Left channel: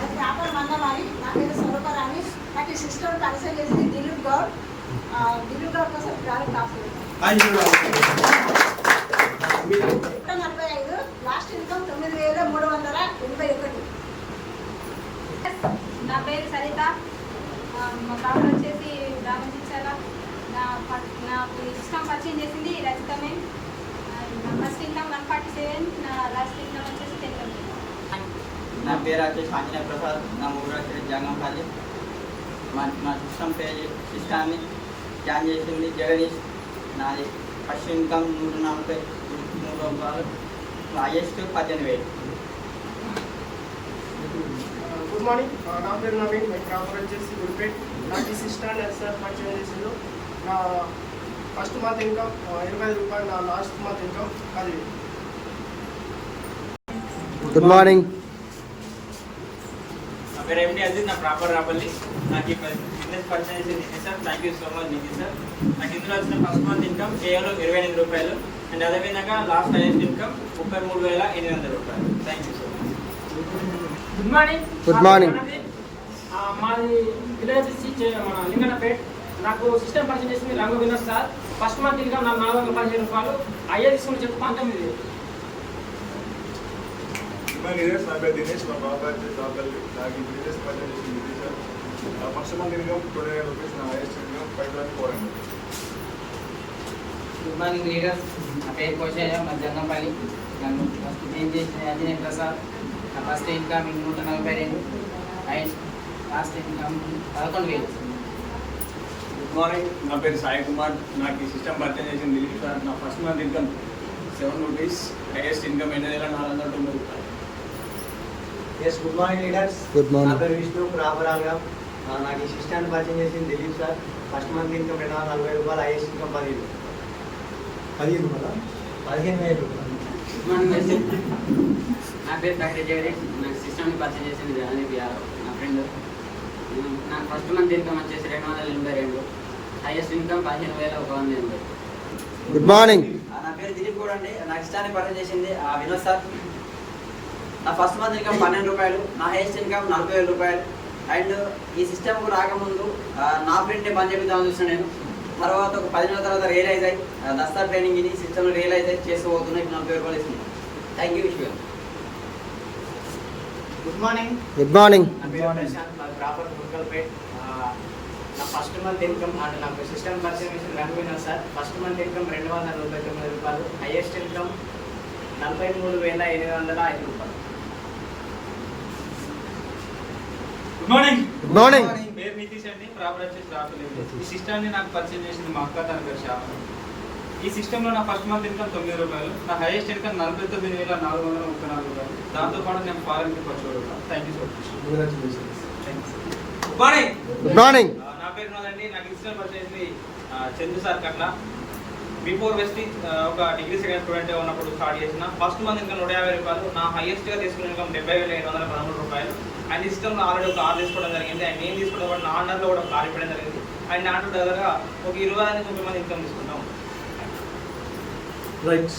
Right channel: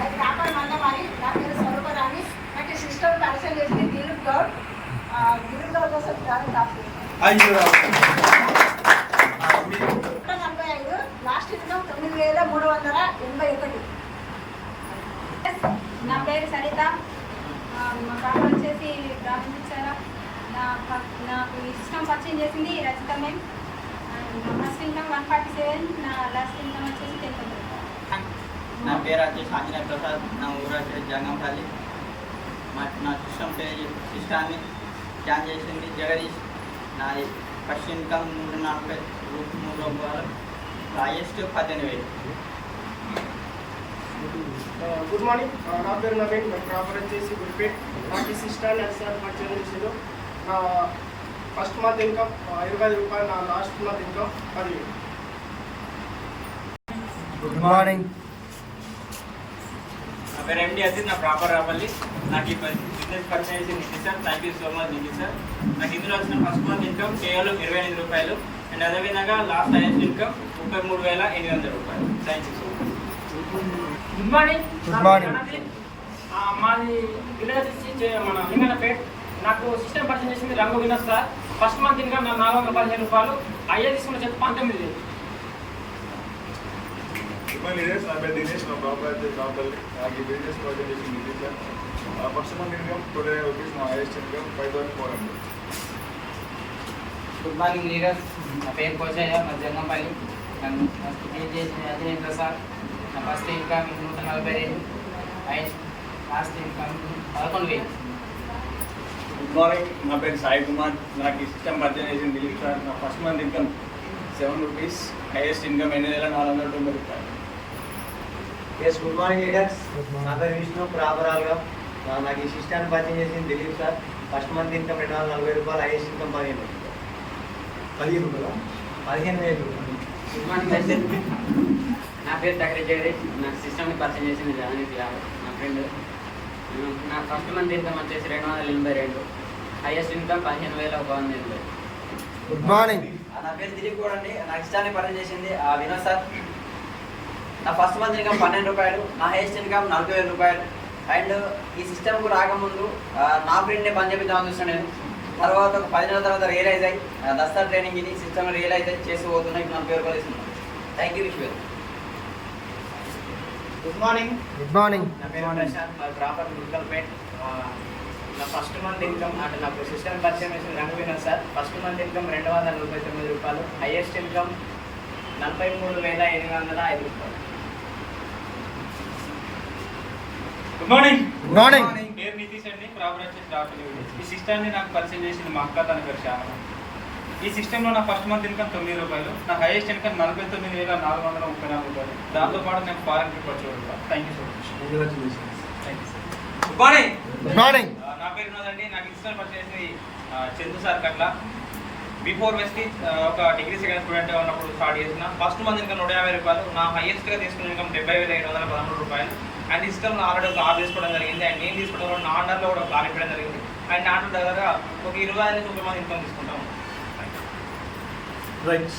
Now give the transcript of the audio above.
అది కాపాడు మందమారి నా పేరు స్వరూపరాణి. నాకు సిస్టమ్ పరిచయం చేసింది దిలీప్ గౌడ్. దిలీప్ గౌడ్ కోసం ప్రారంభ 45 లాస్ట్ ఇన్కమ్ 9381. నా పేరు సరిత. మా గ్రామం వచ్చేసి గ్రామం ఇచ్చారా. నాకు ఈ సిస్టమ్ పరిచయం చేసింది రజిత మేమ్. ఫస్ట్ ఇన్కమ్ 147, నా లాస్ట్ ఇన్కమ్ వచ్చేసి 10,000. నా పేరు వచ్చేసి ఆంజనేయ ప్రసాద్. నా ఊరు వచ్చేసి జంగంపల్లి. నా సిస్టమ్ పేరు సిస్టాన్ని జాయిన్ చేసింది జగదీష్. నా ఫస్ట్ ఇన్కమ్ 140 రూపాయలు, హైయెస్ట్ 18,000. గుడ్ మార్నింగ్, నా పేరు నవీన్. మేము ప్రాపర్ వచ్చేసి గురిపేట్. నాకు ఈ సిస్టాన్ని సార్ పరిచయం చేసారు. నా ఫస్ట్ మంత్ ఇన్కమ్ 25 రూపాయలు, నా last month income 10,000. Good morning. నా పేరు ఎండి అజిత్. నా ప్రాపర్ రాపల్లి. నాకు ఈ బిజినెస్ పరిచయం చేసింది sir. Thank you so much Nidhi sir. నాకు ఇందులో వచ్చిన ఫస్ట్ మంత్ ఇన్కమ్ కేవలం 28 రూపాయలు. అండ్ అదేవిధంగా లాస్ట్ హైయెస్ట్ ఇన్కమ్ 33,800 రూపాయలు. Thank you so much. Good morning. Good morning. మాది విలేజ్ వచ్చి మన లింగనపేట్. నాకు సిస్టమ్ పరిచయం చేసింది రంగు Vinod sir. First month income నాకు 415 రూపాయలు, అయ్యే తీసుకున్న చెప్పి 19,000. దినేష్ నాకు బిజినెస్ పరిచయం చేసింది ఫస్ట్ మంత్ ఇన్కమ్ 25 రూపీస్, నా highest income 5,400. Good morning leaders. నా పేరు కోచయ్య. నా జంగంపల్లి. నన్ను ఏం చేసిన ఆంజనేయ ప్రసాద్. నా first income 145 and last income 11,000. Good morning. నా పేరు సాయి కుమార్. నాకు ఈ సిస్టమ్ పరిచయం చేసింది దిలీప్ సార్. నా first month income 7 rupees, highest income 8,490 రూపాయలు. Yes, good morning leaders. Good నా మార్నింగ్. పేరు విష్ణు. ప్రాపరాల్గా నాకు ఈ సిస్టాన్ని పరిచయం చేసింది Dilip sir. First month income 240 రూపాయలు, హైయెస్ట్ ఇన్కమ్ 15,000 రూపాయలు. గుడ్ మార్నింగ్ లైసెన్. నా పేరు డాక్టర్ జగదీష్. నాకు సిస్టమ్ని పరిచయం చేసింది నా ఫ్రెండ్. నా ఫస్ట్ మంత్ ఇన్కమ్ వచ్చేసి 282, హైయెస్ట్ ఇన్కమ్ 15,100. Good morning. నా పేరు దిలీప్ గౌడ్ అండి. నాకు సిస్టాన్ని పరిచయం చేసింది వినోద్ సార్. నా ఫస్ట్ మంత్ ఇన్కమ్ 12 రూపాయలు, నా హైయెస్ట్ ఇన్కమ్ 40,000 రూపాయలు. అండ్ ఈ సిస్టమ్కు రాకముందు నా ఫ్రెండ్ని పని చెప్తామని చూస్తున్నాను నేను. తర్వాత ఒక 10 నెలల తర్వాత రియలైజ్ అయ్యి దసరా ట్రైనింగ్ ఇది సిస్టమ్ రియలైజ్ అయ్యి చేసి పోతున్నాయి. 40,000 రూపాయలు ఇస్తున్నాను. Thank you wish. Good morning. Good morning. నా పేరు ప్రశాంత్. నా ప్రాపర్ గుంటల్పేట్. నా ఫస్ట్ మంత్ ఇన్కమ్ అంటే నాకు సిస్టమ్ పరిచయం చేసిన రంగు Vinod sir. First month income 249 రూపాయలు, హైయెస్ట్ ఇన్కమ్ 43,805 రూపాయలు. Good morning. Good morning. పేరు నితీష్ అండి. ప్రాపర్ వచ్చేసి రాపల్లి. ఈ సిస్టమ్ని నాకు పరిచయం చేసింది మా అక్క. తన పేరు శ్యామ. ఈ సిస్టంలో నా ఫస్ట్ మంత్ ఇన్కమ్ 9 రూపాయలు, నా హైయెస్ట్ ఇన్కమ్ 49,434 రూపాయలు. దాంతోపాటు నేను ఫారెన్ కి ఖర్చు పెడతాను. Thank you so much. Good morning. Good morning. నా పేరు వినోద్ అండి. నాకు ఇన్స్టాల్ పరిచేసి చందు సార్ కట్ల. బిఫోర్ వెస్ట్ ఒక డిగ్రీ సెకండ్ స్టూడెంట్గా ఉన్నప్పుడు స్టార్ట్ చేసిన. ఫస్ట్ మంత్ ఇన్కమ్ 150 రూపాయలు, నా హైయెస్ట్గా తీసుకున్న ఇన్కమ్ 70,713 రూపాయలు. అండ్ ఈ సిస్టమ్లో ఆల్రెడీ ఒక కార్ తీసుకోవడం జరిగింది. అండ్ నేను తీసుకోవడం కూడా నా అండర్లో కూడా కార్ ఇవ్వడం జరిగింది. అండ్ నాటు దగ్గర ఒక 20 నుంచి 30 మంది ఇన్కమ్ తీసుకుంటాం. రైట్.